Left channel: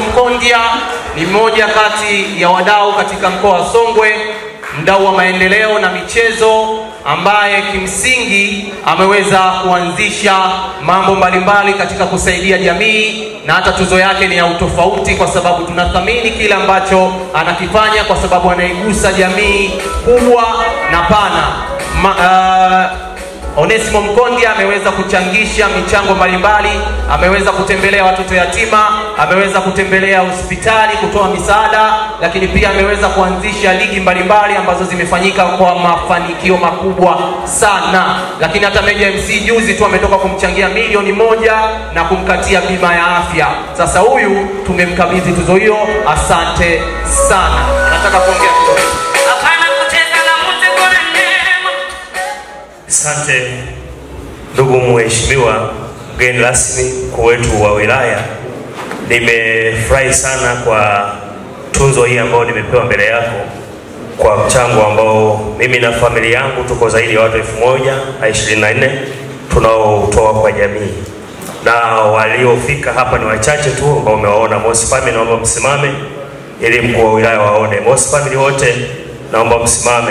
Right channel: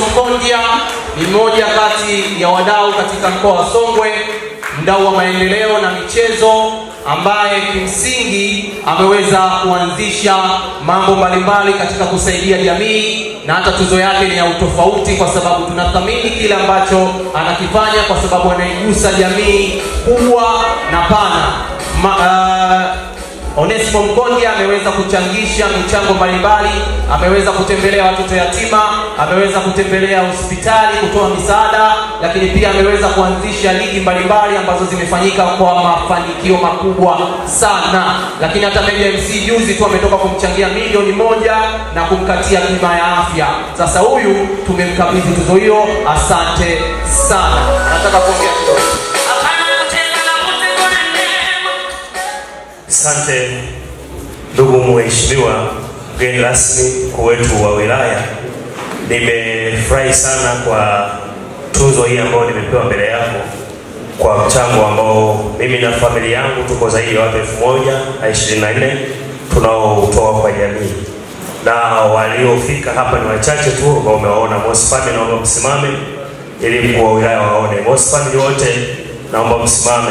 Mkondia ni mmoja kati ya wadau katika mkoa wa Songwe, mdau wa maendeleo na michezo, ambaye kimsingi ameweza kuanzisha mambo mbalimbali katika kusaidia jamii, na hata tuzo yake ni ya utofauti kwa sababu tunathamini kile ambacho anakifanya, kwa sababu anaigusa jamii kubwa na pana. Onesimo Mkondia ameweza kuchangisha michango mbalimbali, ameweza kutembelea watoto yatima, ameweza kutembelea hospitali kutoa misaada, lakini pia ameweza kuanzisha ligi mbalimbali ambazo zimefanyika kwa mafanikio makubwa sana. Lakini hata Meja MC juzi tu ametoka kumchangia milioni 1 na kumkatia bima ya afya. Sasa huyu tumemkabidhi tuzo hiyo. Asante sana. Nataka kuongea kidogo. Asante ndugu mheshimiwa mgeni rasmi mkuu wetu wa wilaya. Nimefurahi sana kwa tuzo hii ambayo nimepewa mbele yako, kwa mchango ambao mimi na familia yangu tuko zaidi ya watu 1024 tunaotoa kwa jamii, na waliofika hapa ni wachache tu ambao umewaona. Most family naomba msimame ili mkuu wa wilaya waone. Most family wote naomba msimame.